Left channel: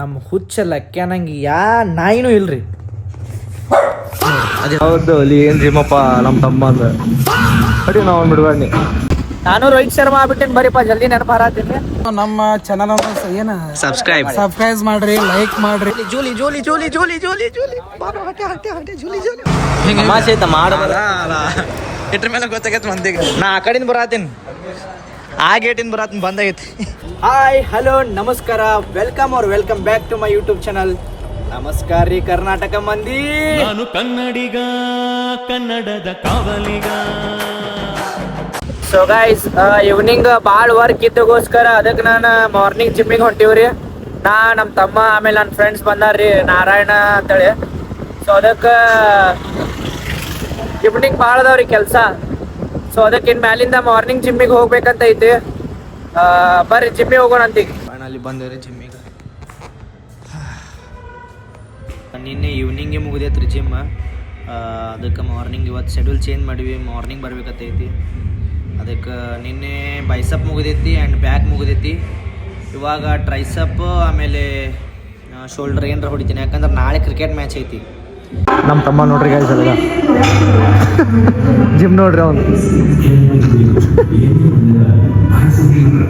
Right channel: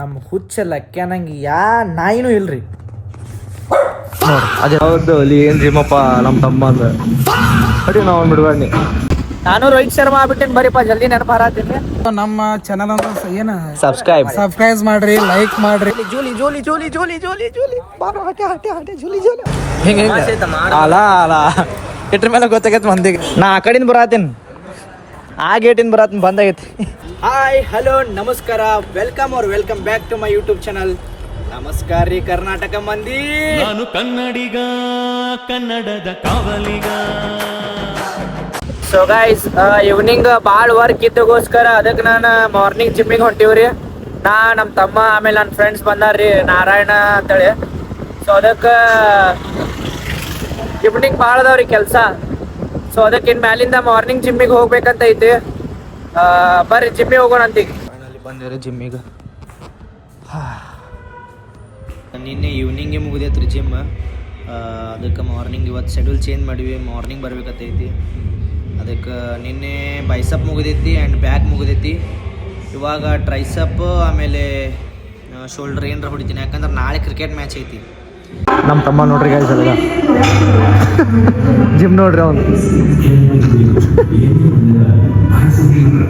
ನಮ್ಮ ಹುಚ್ಚ ಲೆಕ್ಕ ನಂಗೆ ನಾಯಿನೂ ಇಲ್ರಿ. ಅದೇ ಹೌದು ಅಲ್ಲಿ ಏನ್ ಜಿಮ್ಮಪ್ಪ ನಮ್ಮ ತಮ್ಮ ಅಂದ ಅಡಿ ನಾವು ಬಿಡ್ಬಾರ್ನಿ. ನಾನು ರೋಹಿತ್ ಶರ್ಮಾ ಆಗ್ಬಿಟ್ಟೇನೆ, ಬರೀಪ್ಪ ಜಲ್ದಿ ನೆನಪು ಹಾರಾತೀನಿ. ನಮ್ಮ ಚಾನಲ್ ಏನು ಸಬ್ಸ್ಕ್ರೈಬ್ ಮಾಡ್ರಿ, ಲೈಕ್ ಮಾಡ್ರಿ. ಜೂಲಿ Julie Julie Julie Julie Julie Julie ಜೂಲಿ ಇಟ್ರ ಮೇಲೆ ಗೊತ್ತಾಗೈತೆ ಮಂದಿಗೆ. ನಾ ಆ ಕಡೆಯಿಂದ ಬರತ್ತೇನೆ, ಆ ಗೇಟಿಂದ ಬರತ್ತೀನಿ, ಬಂದಾಗೈತಿ. ಹಾಯ್ ಹಲೋ ನಮಸ್ಕಾರ, welcome back to my YouTube channel. ನಮಸ್ಕಾರ ರೀ ಕರ್ನಾಟಕ ಮಂದಿ. ನಾನು ಕನ್ನಡಿಗ, ಕನ್ನಡದ ಕಾವಲಿಗ. ಸೊ ಗೈಸ್, ಈವ್ನಿಂಗ್ ಭಾಳ ವರ್ಕ್ ಇದ್ದಗೋಸ್ಕರ ಅದಕ್ಕೆ ನಾನು ಮಾರ್ನಿಂಗ್ ಜಿಮ್ಮಿಗೆ ಹೊಂಟಿವ್ರಿ. ನಮ್ಮ ತಮ್ಮ ಆಮೇಲೆ ನನ್ನ ಫ್ರೆಂಡ್ಸ್ ಬಂದಾರ್ರಿ, ನಾರಾಯಣ ಅಂತೇಳಿ. ಸೊ ಅದಕ್ಕೆ ಈವ್ನಿಂಗ್ ಭಾಳ ಅದಾವ್ರಿ ಕೆಲಸ. ಸೊ ಅದಕ್ಕೆ ಇನ್ನು ಮ್ಯಾಲಿಂದ ಮಾರ್ನಿಂಗ್ ಜಿಮ್ಮಿಗೆ ಹೋಗ್ಬೇಕಂತ ಐತಿ. ಬರ್ರಿ ಜಿಮ್ಮಿಗೆ ಹೋಗೋಣ ಅಂತೀಗ. ಫೈನಲಿ ಬಂದೇವ್ರಿ ಜಿಮ್ಮಿಗೆ. ನಿನ್ನೆ ಈವ್ನಿಂಗೇ ಮುಗಿದೈತ್ರಿ ಜಿಮ್. ಅದಕ್ಕೆ ಮಾರ್ನಿಂಗ್ ಇವತ್ತು ಶೆಡ್ಯೂಲ್ ಚೇಂಜ್ ಮಾಡಿವಿ, ಮಾರ್ನಿಂಗ್ ಬರ್ಬೇಕತ್ತೈತಿ. ಅದಕ್ಕೆ ನಿನ್ನೆ ಬೈಸಪ್ ಮುಗಿದೈತಿ ಆ್ಯಂಡ್ ಬ್ಯಾಕ್ ಮುಗಿದೈತಿ. ಇವಾಗ ಟ್ರೈಸಪ್ ಆಮೇಲೆ ಶೋಲ್ಡರ್ ಏನರ ಹೊಡಿತೀನಿ, ಯಾಕಂದ್ರೆ ನಾಳೆ ಕ್ರಿಕೆಟ್ ಮ್ಯಾಚ್ ಐತಿ. ನಮ್ಮ ತಮ್ಮ ನೋಡ್ರಿ ಗೈಸ್ ಅಲ್ಲ ಜಿಮ್ ನೋಡ್ರಿ ಅವನು.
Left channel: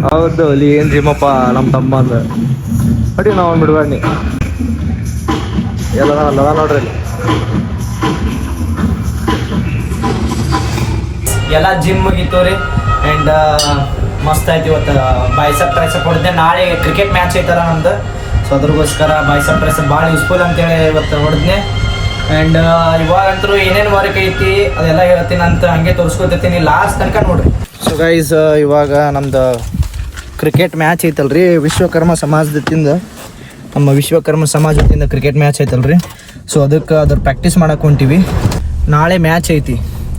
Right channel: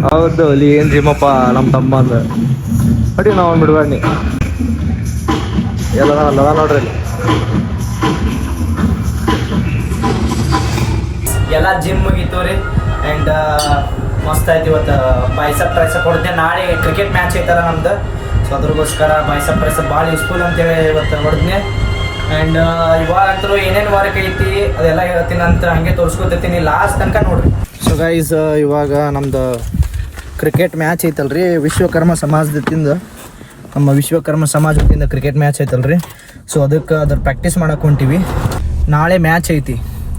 ಹೌದು ಅಲ್ಲಿ ಏನ್ ಜಿಮ್ಮಪ್ಪ ನಮ್ಮ ತಮ್ಮ ಅಂದ ಅಡಿ ನಾವು ಬಿಡ್ಬಾರ್ನಿ. ಎಲ್ಲ ನೋಡ್ರಿ ಅಲ್ಲಿ ಎಲ್ಲ ಜಿಮ್ ಮುಗಿತು ರೀ. ಆ್ಯಂಡ್ ಮಸ್ತ್ ಆಯ್ತು ಇವತ್ತು. ಬೈಸಪ್ ಟ್ರೈಸಪ್ ಹೊಡೆದೆ. ನಾಳೆ ಕ್ರಿಕೆಟ್ ಮ್ಯಾಚ್ ಐತಲ್ಲ ನಮ್ದು, ಸೊ ಅದ್ರಗೋಸ್ಕರ ಬೈಸಪ್ ಟ್ರೈಸಪ್ ಭಾಳ ಯೂಸ್ಫುಲ್ ಅಂತೇಳಿ ಇವತ್ತು ಹೊಡೆದ್ನೆ. ಆ್ಯಂಡ್ ಇವಾಗಂತರೂ ಏನೇನು ವರ್ಕ್ ಐತಿ ಅದೆಲ್ಲ ಹೇಳ್ತೀನಿ ಅಂತ ಹಂಗೆ ತೋರಿಸ್ಕೊತಿರ್ತೀನಿ ಲಾಸ್ಟ್ ತನಕ ನೋಡ್ರಿ. ಸೊ ಗೈಸ್, ಇವಾಗ ನಮ್ದು ಕ್ರಿಕೆಟ್ ಮ್ಯಾಚ್ ಐತಲ್ರಿ, ವಿಶ್ವಕರ್ಮ ಸಮಾಜದಿಂದ, ನಮ್ಮ ವಿಶ್ವಕರ್ಮ ಸಮಾಜ ವತಿಯಿಂದ ಕ್ರಿಕೆಟ್ ಮ್ಯಾಚ್ ಐತಲ್ರಿ. ಸೊ ಅದಕ್ಕೆ ಅದ್ರ ಪ್ರಾಕ್ಟೀಸ್ ಮಾಡಕ್ಕೆ ಹೊಂಟೀವಿ. ನಾಳೆ ಮ್ಯಾಚ್ ಐತಿ,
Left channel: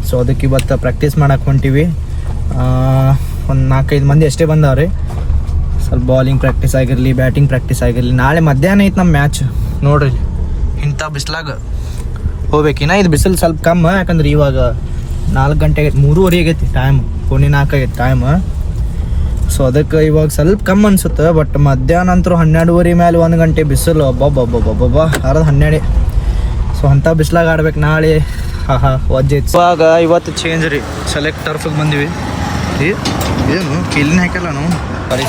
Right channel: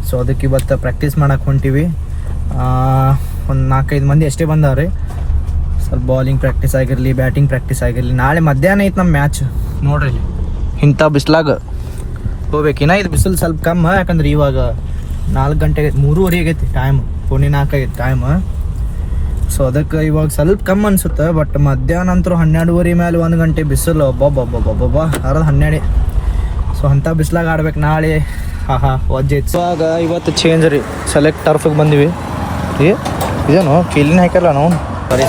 ಸೊ ಅದಕ್ಕೆ ಇವತ್ತು ಪ್ರಾಕ್ಟೀಸ್ ಮಾಡಕ್ಕೆ ಹೊಂಟೀವಿ. ಒಂದು 4-5 ಮಂದಿ ಅಷ್ಟೇ ಬಂದವ್ರಿ. ಸ್ವಲ್ಪ ಬಾಲಿಂಗ್ ಪ್ರಾಕ್ಟೀಸ್ ಆಗಿರಲಿ, ಬ್ಯಾಟಿಂಗ್ ಪ್ರಾಕ್ಟೀಸ್ ಆಗಿರಲಿ. ನಾಳೆ ಮಧ್ಯಾಹ್ನ ಐತೆ ನಮ್ಮ ಮ್ಯಾಚ್ ನೋಡ್ರಿ. ಇಂಥ ಬಿಸ್ಲಾಗ ಹೋಗ್ಬೇಕಿನ್ನ. ಇದು ಬಿಸಿಲು ಸ್ವಲ್ಪ ಕಮ್ಮ, ಯಾಕಂದ್ರೆ ಇವಾಗ 4 ಗಂಟೆ 3:30 ಆಗೈತಿ ಟೈಮ್, 4:45 ಆಗೈತಿ ಟೈಮ್. ಸೊ ಅದಕ್ಕೆ ಇವಾಗ ಸ್ವಲ್ಪ ಕಮ್ಮಿ ಅನ್ಸುತ್ತೆ. ಬಟ್ ಮಧ್ಯಾಹ್ನ ಅಂತರೂ 12:30 ಮೇಲೆ 1 ಗಂಟೆ ಬಿಸಿಲು ಒಬ್ಬೊಬ್ಬೊಬ್ಬೊಬ್ಬ ಅರ್ಧ 12. ಸೊ ಅಂಥ ಬಿಸ್ಲಾಗ ಆಡ್ಬೇಕು ನಾಳೆ. ವಜ್ಜೆ ಐತಿ. ಇವಾಗ ಇವತ್ತು ಚೇಂಜ್ ರೀ, ಸೆಲೆಕ್ಟ್ ಟರ್ಫಿಗೆ ಬಂದಿವಿ. ಏನು ಕಿಲ್ಲಿನ ಹಾಕಲ್ಲ ನಾವು.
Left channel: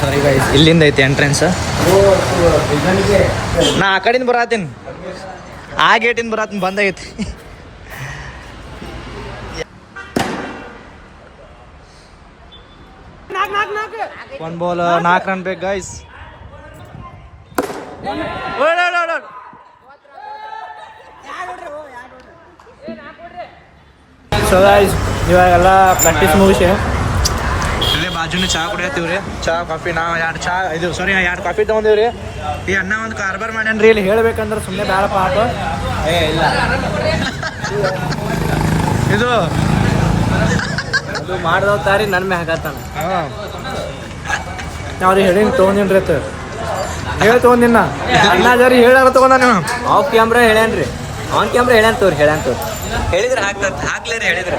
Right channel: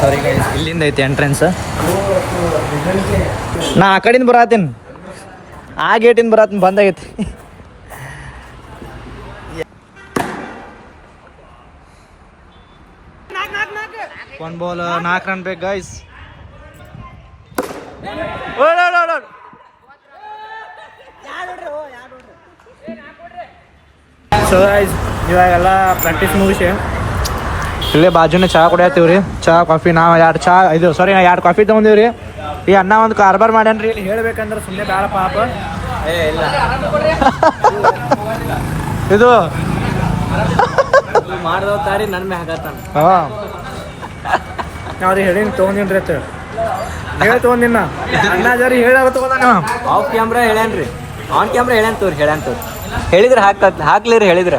ಸಾರಿ ಗೈಸ್, ಇಲ್ಲಿಂದ ಐತಿ ಎಂಟ್ರೆನ್ಸ್. ನಾ ಆ ಕಡೆಯಿಂದ ಬರತ್ತೇನೆ, ಆ ಗೇಟಿಂದ ಬರತ್ತೀನಿ, ಬಂದಾಗೈತಿ. ಒಂದು ಬಾಲ್ 4 ರನ್ ಬೇಕು ಗೈಸ್. ಸೊ ಗೈಸ್, ಇವಾಗೆಲ್ಲ ಪ್ರಾಕ್ಟೀಸ್ ಮುಗಿಸಿ ಇಲ್ಲೇ ಬಾಜುನೇ ಚಹಾ ಕುಡಿಯತ್ತೀವಿ ರೀ. ಚಹಾ ಕಾಫಿ ನಾವು 2 ಕಾಫಿ ತೊಗೊಂಡಿವಿ ರೀ. ಈ ಅಣ್ಣ ಒಂದು ಕಾರ್ಬಾರ್ ಮಾಡ್ಯಾನ್ರಿ ಇಲ್ಲಿ. ಹೇಳ್ಬೇಕಂದ್ರೆ ಸುಮ್ಮನೆ ಬೇಡ ಪಾಪ. ಇಲ್ಲ ಇದು ಮಾಡ್ದವ್ತಾರಿ ನನ್ನ ಮ್ಯಾಗ ಹಾಕತ್ತಾನ. ಹಾಂ, ನಾವ್ರಿ ಹೇಳೀನಿ ತೊಗೊಂಡಿನ್ರಿ ಅಂತ ಹೇಳಿ ತೊಗೊಂಡಿನ. ಅಣ್ಣ ಜರಿ ಹೇಳಾರ ತೊಗೊಂಡ ನೀವು. ಆಫ್ ಕ್ಯಾಮ್ರಾ ಹೇಳ್ಯಾನ್ರಿ, ಆನ್ ಕ್ಯಾಮ್ರಾ ಹೇಳ್ಯಾನ್ ತೋರಿ ಹೇಳಿದ್ರೆ ಹಾಕ್ಲಿರಿ ಹೇಳಿದ್ರೆ.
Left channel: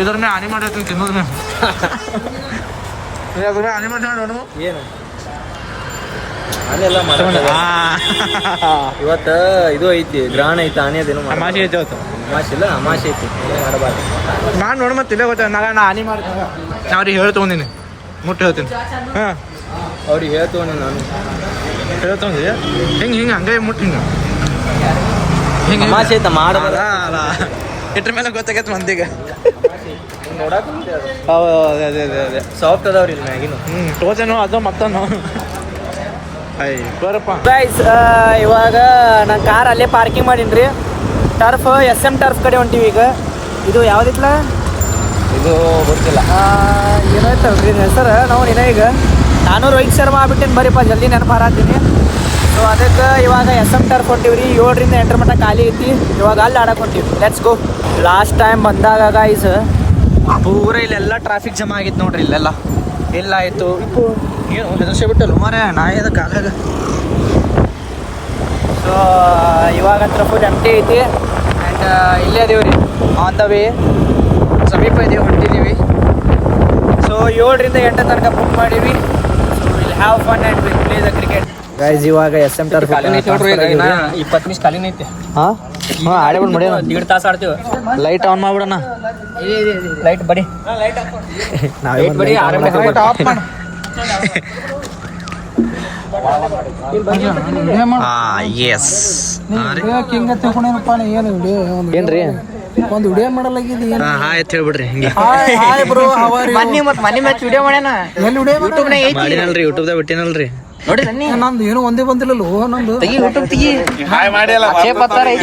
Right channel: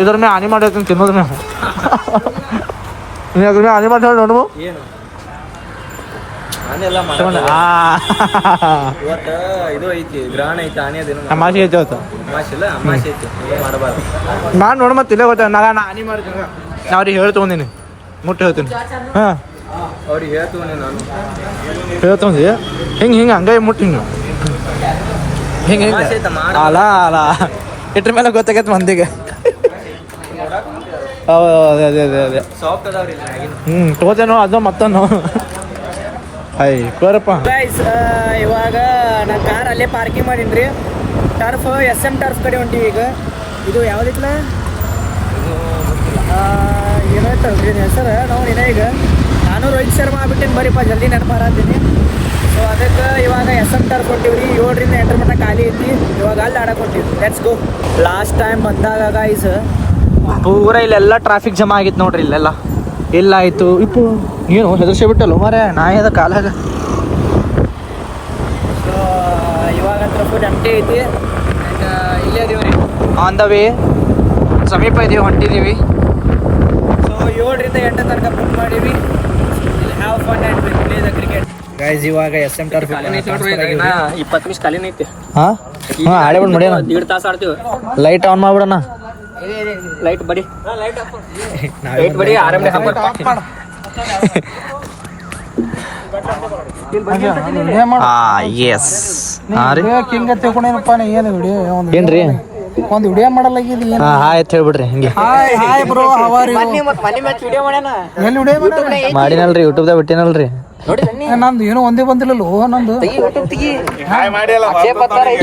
ಇದ್ರ ಮೇಲೆ ಆನಿ ಮಾಡಿರ್ತೀನಿ ತಿನ್ನೋದು ನಾವು. ಆನಿ ಮಾಡಿ ಹೇಳಿ ನೋಡು. ಏನು ಆನೆಲ್ಲ ಇವತ್ತು ಇದು ಐತಿ, ಗ್ರಹಣ ಐತಿ, ಆನೆ ಅದೇನು ಅಮಾಸೆ ಐತಿ. ಅವತ್ತು ಅಮಾಸೆ ಐತಿ, ಏನು ಮಾಡಬಾರ್ದು. ನಾನು ನೋಡಿ ಮತ್ತೆ ಇಲ್ಲೇ ಗೊತ್ತ. ನಾ ಆನಿ ಮಾಡ್ತೀನಿ. ನಾ ಅವ್ರಿಗೆ ಹೇಳಿ ತೊಗೊಂಡಿನಿ, ಮುಟ್ಟಿ ಹೇಳ್ತೀನಿ. ಹಾಂ, ಅವ್ರಿಗೆ ಹೇಳಿ ತೊಗೊಂಡಿನಿ, ನಾನು ಹೇಳಿ ತೊಗೊಂಡಿ. ಹಿಂಗೆ ಹಂಗೆ ಮುಟ್ಟಿ ಹಿಂಗೆ ಮಾಡಲ್ಲ ಅಲ್ಲ. ಇಟ್ರ ಮೇಲೆ ಗೊತ್ತಾಗೈತೆ ಮಂದಿಗೆ. ಅದೇ ಸಾಫ್ಟ್ ಅದಾವ್ರಿ ತಗೋತೇನೋ ಅದು ಮತ್ತನು. ಗೈಸ್, ಇವಾಗ ನಾನು ಕಾರ್ ಅಲ್ಲೇ ಪಾರ್ಕಿಂಗ್ ಮಾಡೀನಿ ರೀ. ಟರ್ಫ್ SM ಟರ್ಫ್ ಕಡೆ ಹೊಂಟೀವಿ ಈಗ. ಇದು ಯಾವುದಿತ್ತಲ್ಲ, ಇದು ಗೊತ್ತಿಲ್ಲ, ಏನೋ ಐತಲ್ರಿ ಹೆಸರು. ನಾವು ಈಗ ನಾನು ರೋಹಿತ್ ಶರ್ಮಾ ಆಗ್ಬಿಟ್ಟೇನೆ, ಬರೀಪ್ಪ ಜಲ್ದಿ ನೆನಪು ಹಾರಾತೀನಿ. ಸೊ ಅದಕ್ಕೆ ಇವಾಗ SM ಟರ್ಫ್ ಹೊಂಟೀವಿ ರೀ. 7 ರಿಂದ 8 ಮಟ್ಟ ಖಾಲಿ ಐತಿ. ಇವಾಗ ಅಲ್ಲಿ ಆಡಕ್ಕೆ ಹೊಂಟೀವಿ. Let's go. ಲಾಸ್ಟ್ ಟೈಮ್ ಬಂದಾಗ ಗೈಸ್ ಪೂರ ಇಲ್ಲೆಲ್ಲ ಟ್ರಾಫಿಕ್ ಜಮಾ ಆಗಿತ್ತು ನೋಡ್ರಿ. ಇಲ್ಲೆಲ್ಲ ಇಲ್ಲ ಆಯಿತು. ಏನು ಹೆದರ್ಸಿ ಬಿಟ್ಟಲ್ಲ ಮಾರೇ ನಾಯದ ಕಾಲಾಗ. ಸೊ ಇವಾಗ ಹತ್ರ ಫುಲ್ ಎಂಟಿ ಐತಿ. ಆ್ಯಂಡ್ ಇಲ್ಲೇ ಅದೀವಿ ರೀ, ಆನ್ ದ ವೇ, ಸಮೀಪ ಇದೀವಿ, ಹೊಂಟಿದ್ದೀವಿ. ಸೊ 7 ರಿಂದ 8 ತನಕ ಬುಕ್ ಮಾಡೀವಿ. Have fun and will play the cricket. Guys ಇವಾಗ SM ಟರ್ಫ್ ಇಪ್ಪತ್ತು ನಿಮಿಷ ಖಾಲಿನ ಐತೆ ದೀಡ್ ತಾಸು ಆಡ್ತೀವಿ. Light on ಮಾಡ್ಬಿಡೋಣ. ಲೈಟ್ ಬಡಿ ನಾವೇ ಒಂದು ಲೈಟ್ ಆನ್ ಮಾಡಕ್ಕೆ ಎಸ್ ಹಾಂ ರೀ ಹಿಂಗ ತಿಳ್ಕೊಂಡೇನಪ್ಪ ಏನು ವಿಡಿಯೋ ಏನ್ರಿ ಒಂದು ವಿಡಿಯೋ ಮಾಡಲಾಗಿದೆ ಏನು ಹಾಂ ಆಯ್ತು ಹೇಳ್ಬಿಡ್ರಿ ಹಿಂಗೆ ಹಾಯ್ ಹಾಯ್ ಬ್ರೋ ಹವಾರಿ ಎಲ್ಲಿ ವಿಡಿಯೋ ಮಾಡಿನಲ್ರಿ ಯೂಟ್ಯೂಬ್ದಾಗ ಬಿಟ್ಟಿನಲ್ರಿ ನಂದು ಏನೋ ಒಂದೇ ಬಂದಿಲ್ಲಲ್ಲೋ ನಂದು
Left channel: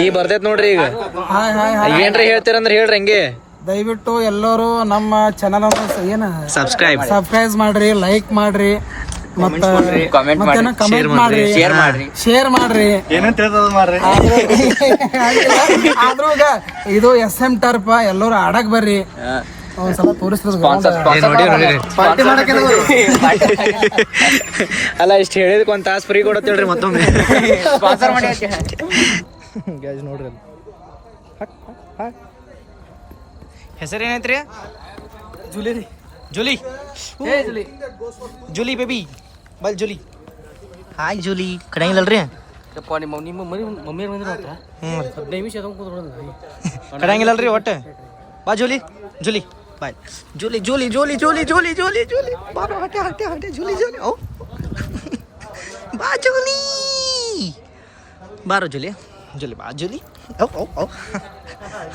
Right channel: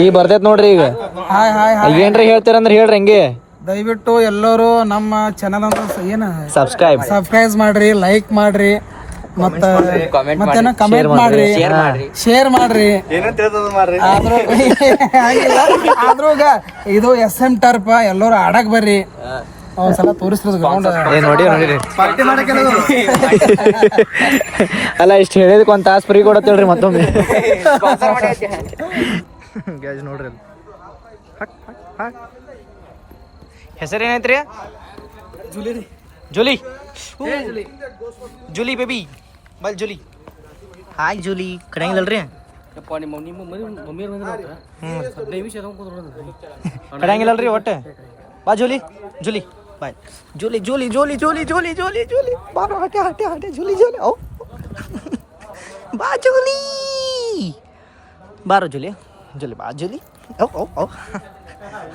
ಈಗ ಬರ್ತೈತ್ ನೋಡ್ರಿ ಈಗ ಹಾಯ್ ಹಾಯ್ ಹಾಯ್ ಏನ್ರಿ ಹೇಳ್ತೀರಂದ್ರೆ ಹೇಳ್ರಿ ಹಂಗೆ ದಯವಿಟ್ಟು ಎಲ್ಲರೂ ನಮ್ಮ ಚಾನಲ್ ಏನು ಸಬ್ಸ್ಕ್ರೈಬ್ ಮಾಡ್ರಿ, ಲೈಕ್ ಮಾಡ್ರಿ, ಮತ್ತೇನ ಕಮೆಂಟ್ ಮಾಡ್ರಿ, ಶೇರ್ ಮಾಡ್ರಿ. ಆದ್ರೂ ಈಗ ಇದು SM ಟರ್ಫ್ ಎಲ್ಲರೂ ಆಡಕ್ ಬರ್ರಿ. ಒಂದ್ಸಲ ತೋರಿಸ್ರೋದು ನೋಡಿರಿ ಪಾರ್ಟಿ ಮಾಡಕ್ಕೆ ಅಲ್ಲ ಇಷ್ಟು ಹೇಳಿದಕ್ಕೆ ಒಂದು ತಾಸು ಫ್ರೀ ಕೊಡತ್ತೇಳ್ರಿ ಮತ್ತೊಮ್ಮೆ ಗ್ಯಾಸ್ ನೋಡ್ರಿ ಅಲ್ಲಿ ಹೆಸರು ಏನೈತ್ರಿ? ಜೂಲಿ ಜೂಲಿ ಬೇಬಿ ಬಲ್ ಜೂಲಿ ಹಾಯ್ ಜೂಲಿ ಕಡೆಯಂಗಿಲ್ಲಲ್ರಿ ಕಡೆಯಂಗಿಲ್ಲಲ್ರಿ ಒಟ್ಟು ಬಾ ಜೂಲಿ ಜೂಲಿ ಬಾಯ್ Julie Julie Julie Julie Julie Julie Julie ಬಾರೋ ಹಟೆ ಹಟೆ ಹಟೆ ಜೂಲಿ ಜೂಲಿ ಓ ಬಾ ಜೂಲಿ ಬಾರೋ ಜೂಲಿ ಜೂಲಿ ಬಾ ಜೂಲಿ ಓ ಓ ಓ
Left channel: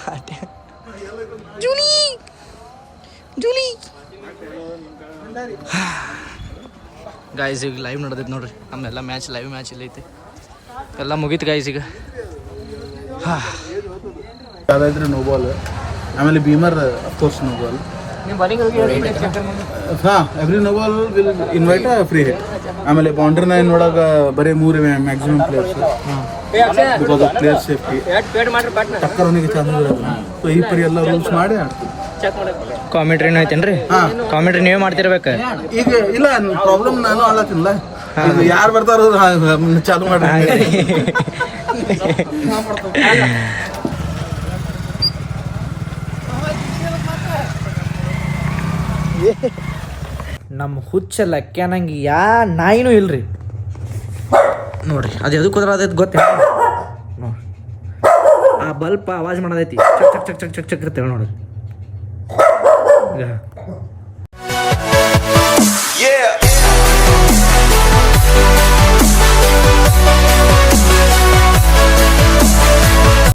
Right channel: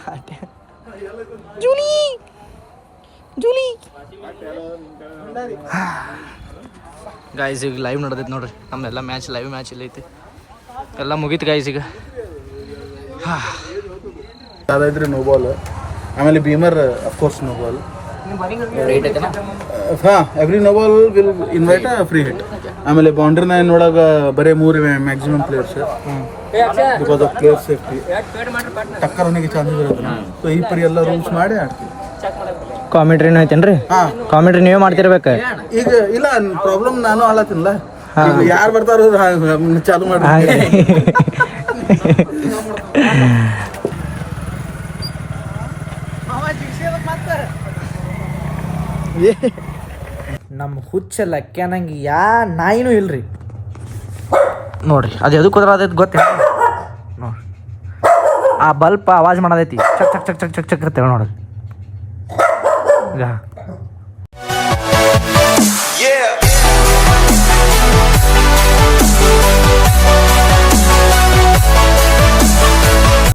ಹಟೆ ಜೂಲಿ ಜೂಲಿ ಗಾಯ್ಸ್ ಈಗ ಲೈವ್ ನಡೆದೈತೆ ನೋಡ್ರಿ ನಮ್ಮೆಲ್ಲ ಮ್ಯಾಚ್ ಲೈವ್ ಮ್ಯಾಚ್ ಇಲ್ಲ ಐತಿ ಎಲ್ಲ ಮುಗೀತು ಗಾಯ್ಸ್ ಈಗ ಯಾವ್ದಾದ್ರೆ ನೋ ಬಾಲ್ ಆಮೇಲೆ ಬೀಮರ್ ಅಫ್ಕೋರ್ಸ್ ನೋ ಬಾಲ್ ಹಾಂ every no ball will invite free hit ಆಮೇಲೆ ಬೌಂಡ್ರಿ ನೈನ್ ಒಳಗೆ ಬರೀ 3 maximum players because of player safety ಟಕ್ಕರ್ ಅವನಿಗೆ ಚಾನ್ಸಸ್ ಇರುತ್ತೆ ಸೊ ಈ ಪರಿ ಎಲ್ಲ ರೂಲ್ಸ್ ಮಾಡಿ ಆಡ್ತೀವಿ. ಕಾಮೆಂಟ್ರಿನೂ ಐತೇನ್ರಿ? ಹಾಂ ಕಾಮೆಂಟ್ರಿ ನೀವೇ ಮಾಡ್ತಿರ್ಬೇಕು ಈಗ ಇಲ್ಲ ಪ್ರಾಬ್ಲಮ್ ನಾನು ಆಳತ್ತಿನಲ್ಲ ಯಾರು ಬರ್ತಾರೋ ಚಾಲು ಮಾಡಿ ನಮ್ಮ ಹುಚ್ಚ ಲಕ್ಕ್ಯಾನಂಗೆ ನಾಯಿನೂ ಇಲ್ರಿ ನೋಡ್ರಿ ಅದು ಎದಕ್ಕೆ ಕುದ್ರದೈತಿ ಗೊತ್ತೇ ನೋಡ್ರಿ ಆ ಬಲ್ಪ್ ಆವಾಜ್ ಮಾಡೋದೈತಿ ಚಕ್ ಚಕ್ ಚಕ್ ಚಕ್ ಚಕ್ ಚಕ್ ಅಂತೇಳಿ ನೋಡ್ರಿ ಈಗ